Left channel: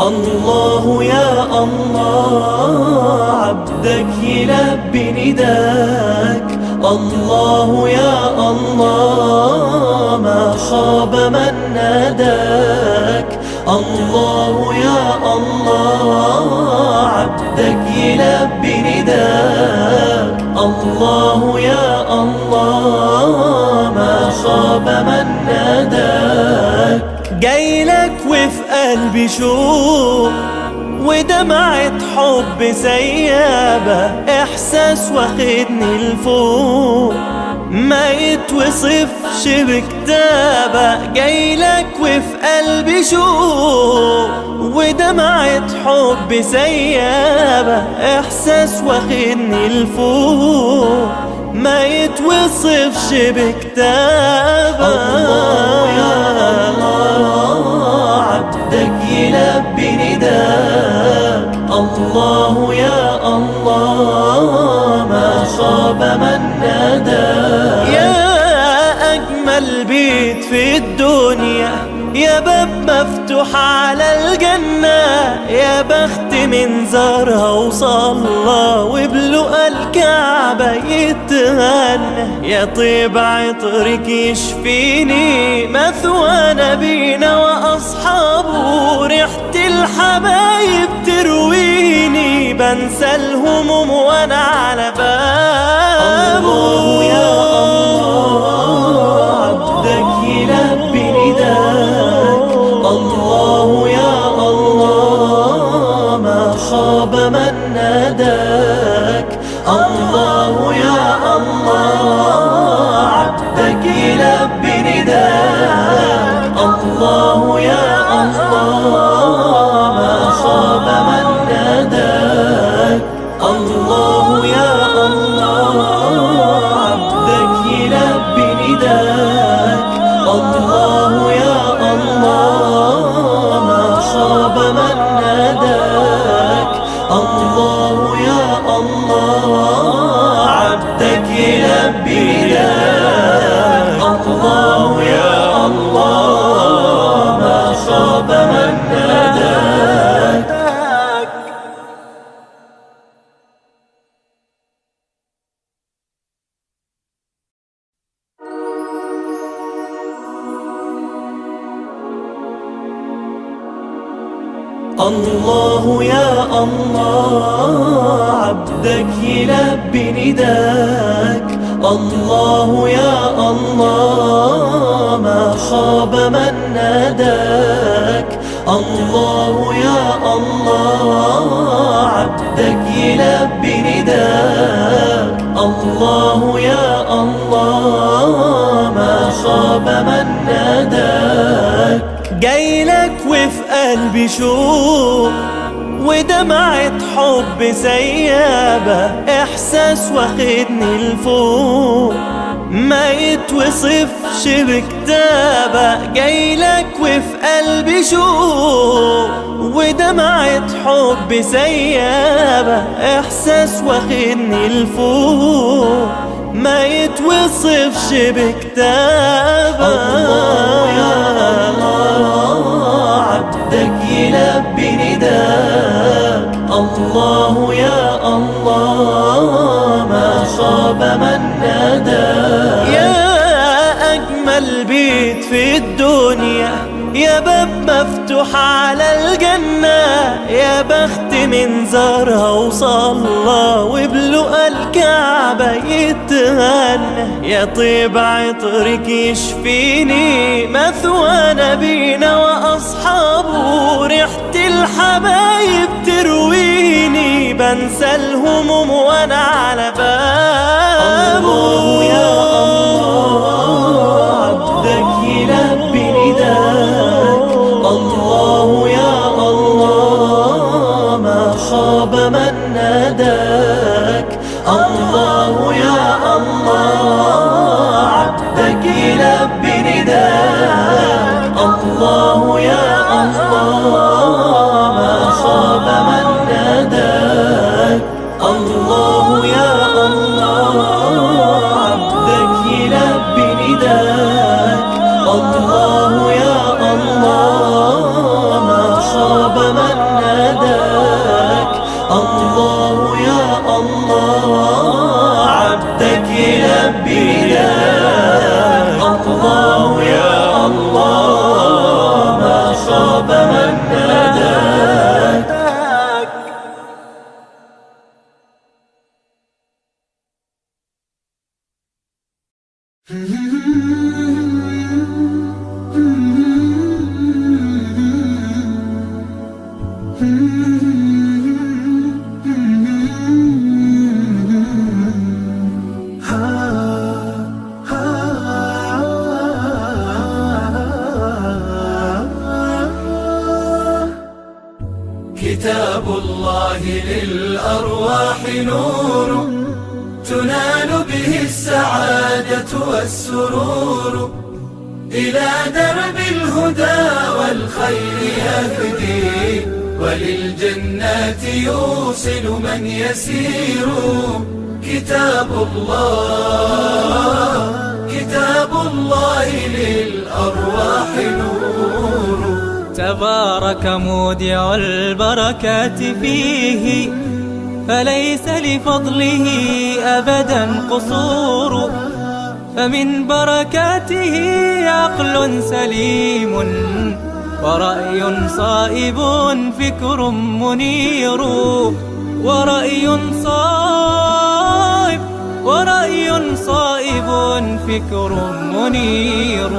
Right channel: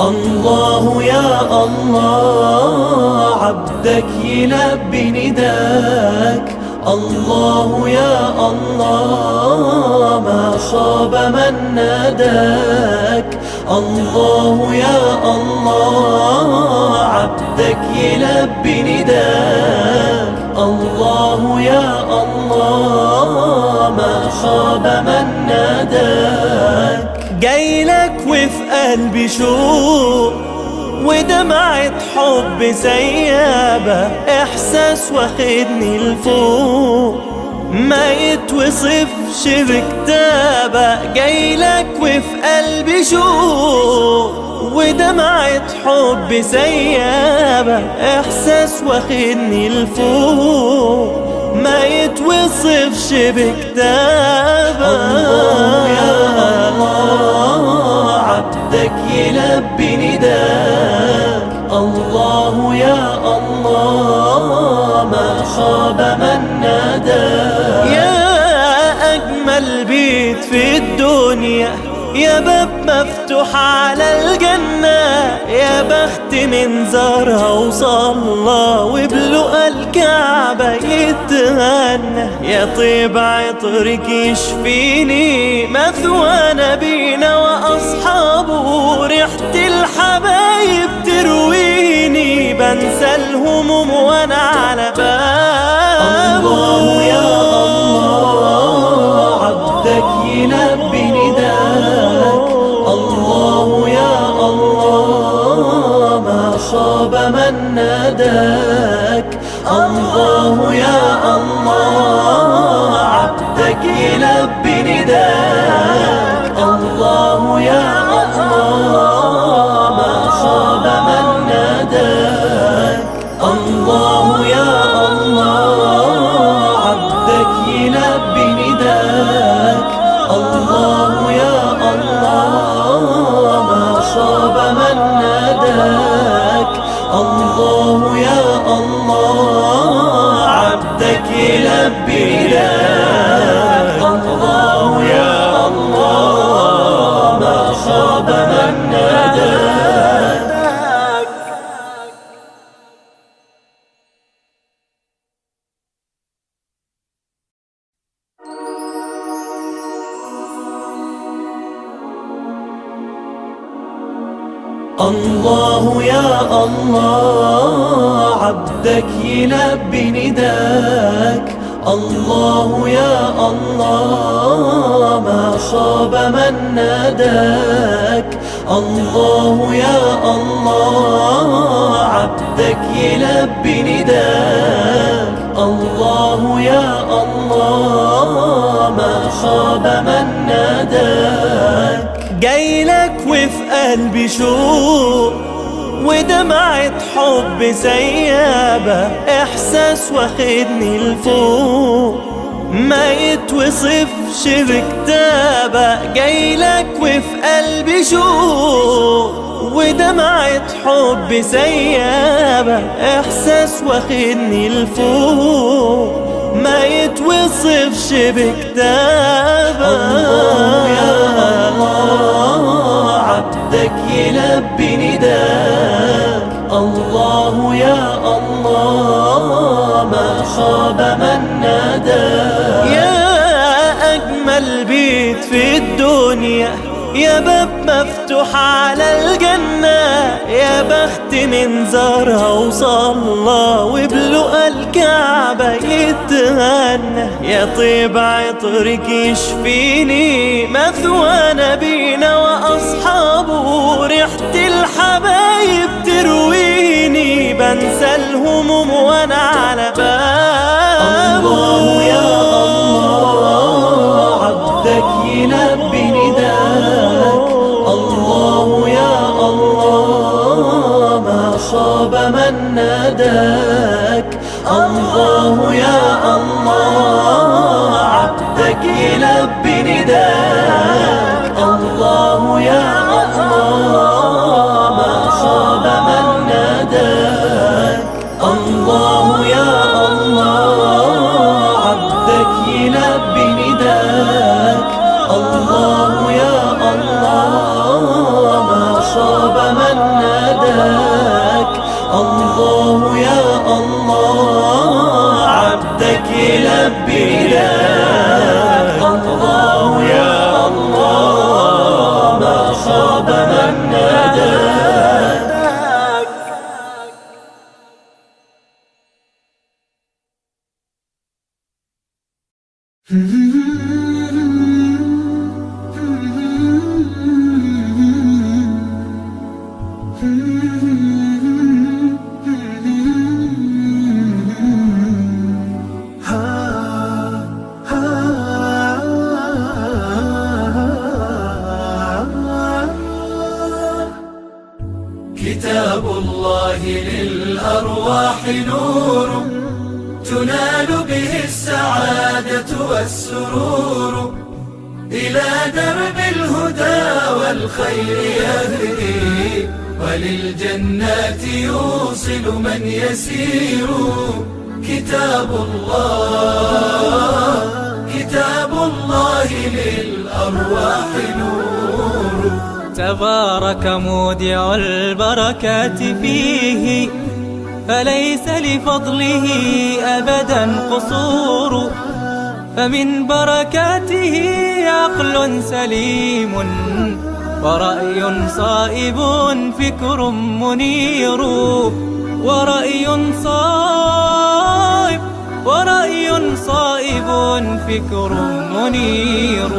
الله يا الله عبدك يلبي نداك. الله يا الله ما خاب من ناداك. الله يا الله عبدك يلبي نداك. الله يا الله ما خاب من ناداك. جايلك وفي قلبي شوق ودمعة حب سيابة، إحساس واخدني لفوق ما يتوصفش بكتابة. جايلك وفي قلبي شوق ودمعة حب سيابة، إحساس واخدني لفوق ما يتوصفش بكتابة. عبدك يلبي نداك. الله يا الله ما خاب من ناداك. يا أجمل بيت في الدنيا، يا باب مفتوح على الجنة، يا بخت من زارها وصلى وبلقى الكعبة يتغنى. يا طيب عطرك يشفيني، مثوى نبينا وأصحابه، ريحة الحبايب ترويني، بنسى الهموم وأنا على بابه. خاب من ناداك. الله يا الله عبدك يلبي نداك. الله يا الله ما خاب من ناداك. الله يا الله عبدك يلبي نداك. الله يا الله ما خاب من ناداك. الله يا الله عبدك يلبي نداك. الله يا الله ما خاب من ناداك. الله يا الله عبدك يلبي نداك. الله يا الله ما خاب من ناداك. الله يا الله عبدك يلبي نداك. الله يا الله ما خاب من ناداك. جايلك وفي قلبي شوق ودمعة حب سيابة، إحساس واخدني لفوق ما يتوصفش بكتابة. جايلك وفي قلبي شوق ودمعة حب سيابة، إحساس واخدني لفوق ما يتوصفش بكتابة. عبدك يلبي نداك. الله يا الله ما خاب من ناداك. يا أجمل بيت في الدنيا، يا باب مفتوح على الجنة، يا بخت من زارها وصلى وبلقى الكعبة يتغنى. يا طيب عطرك يشفيني، مثوى نبينا وأصحابه، ريحة الحبايب ترويني، بنسى الهموم وأنا على بابه. خاب من ناداك. الله يا الله عبدك يلبي نداك. الله يا الله ما خاب من ناداك. الله يا الله عبدك يلبي نداك. الله يا الله ما خاب من كتاب الله للأرواح نور، تنال به السعادة والسرور، إلى درب الهدى والخير يهدي، وللجنات يوصل من يسير. كتاب الله للأرواح نور. تبارك مودع البركات فيه، فليس لفضله أبدا قصور. فمن بركاته عقل سليم، ورأي صائب فكر منير. ورأي صائب فكر منير.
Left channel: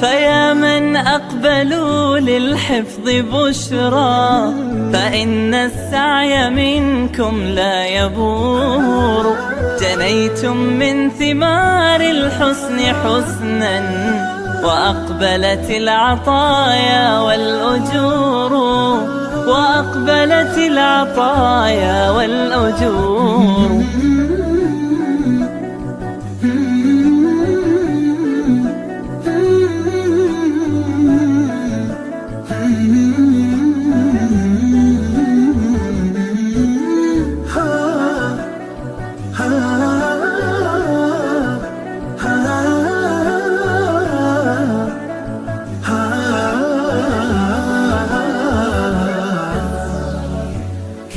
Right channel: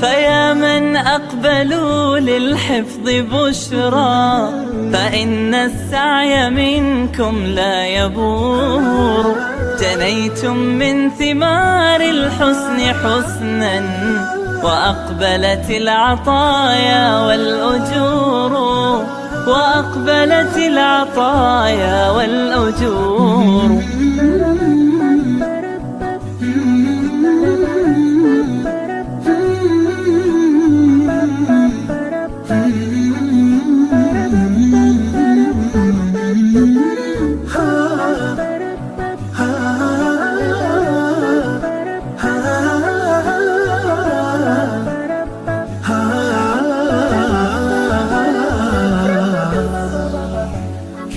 فيا من أقبلوا للحفظ بشرى، فإن السعي منكم لا يبور. جنيتم من ثمار الحسن حسنا، وأقبلت العطايا والأجور. وأقبلت العطايا والأجور.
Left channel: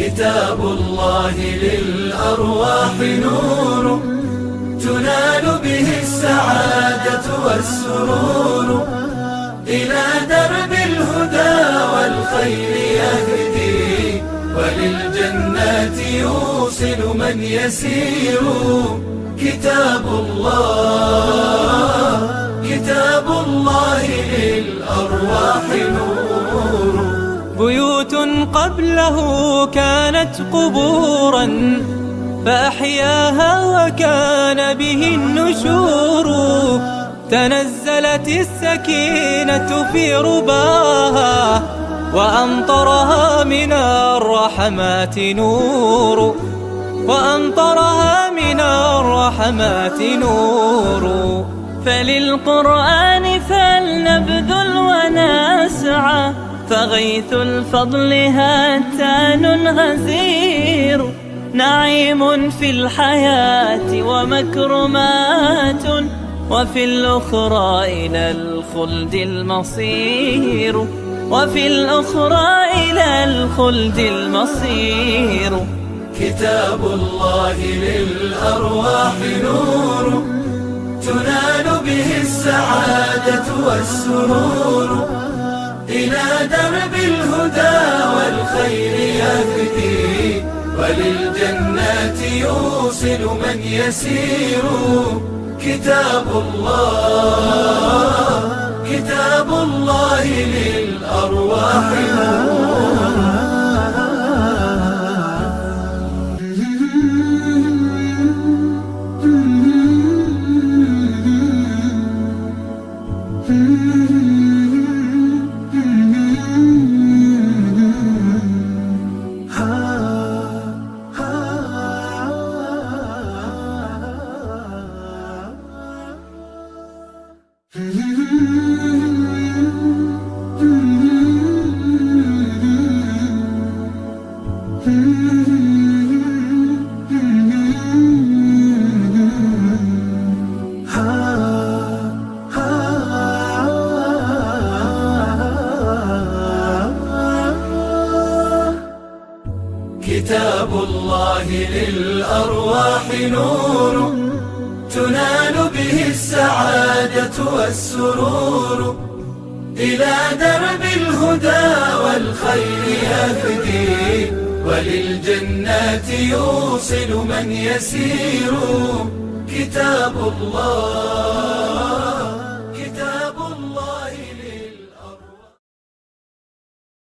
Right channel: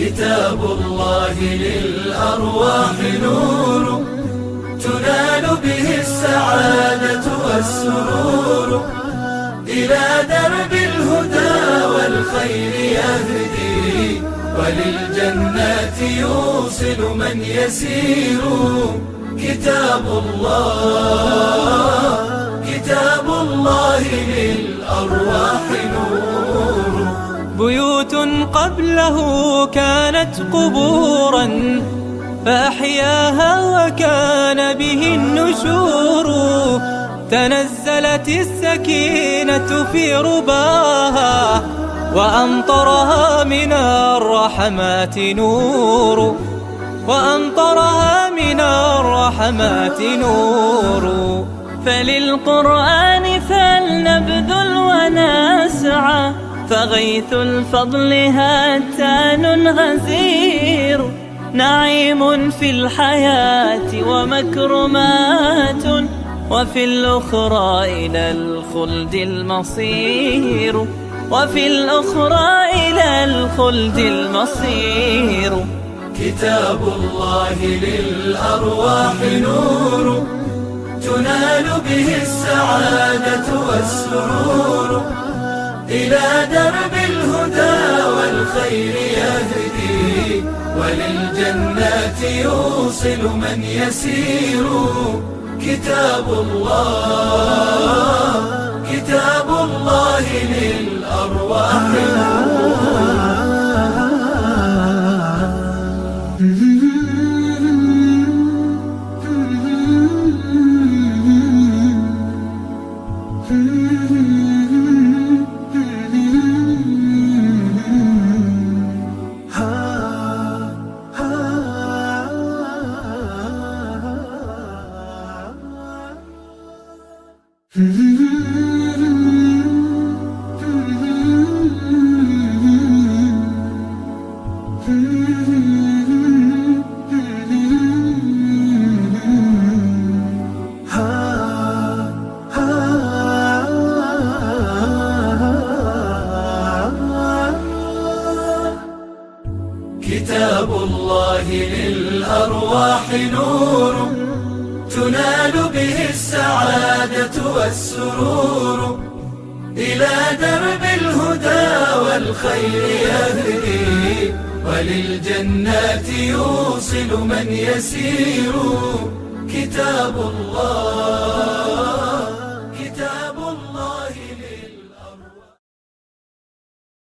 كتاب الله للأرواح نور، تنال به السعادة والسرور، إلى درب الهدى والخير يهدي، وللجنات يوصل من يسير. كتاب الله للأرواح نور. بيوت قبله كانت قبورا، فأحياها وكان به النشور. تنزلت السكينة في رباها، وأمطرها من الرحمات نور. وأمطرها من الرحمات نور. فللقرآن فلنبذل ونسعى، فغيث الفضل هاتان غزير. نعيم في الحياة ومكرمات، وفي الأخرى إلى الخلد المصير. وفي الأخرى إلى الخلد المصير. كتاب الله للأرواح نور، تنال به السعادة والسرور، إلى درب الهدى والخير يهدي، وللجنات يوصل من يسير. كتاب الله للأرواح نور. كتاب الله للأرواح نور، تنال به السعادة والسرور، إلى درب الهدى والخير يهدي، وللجنات يوصل من يسير كتاب الله.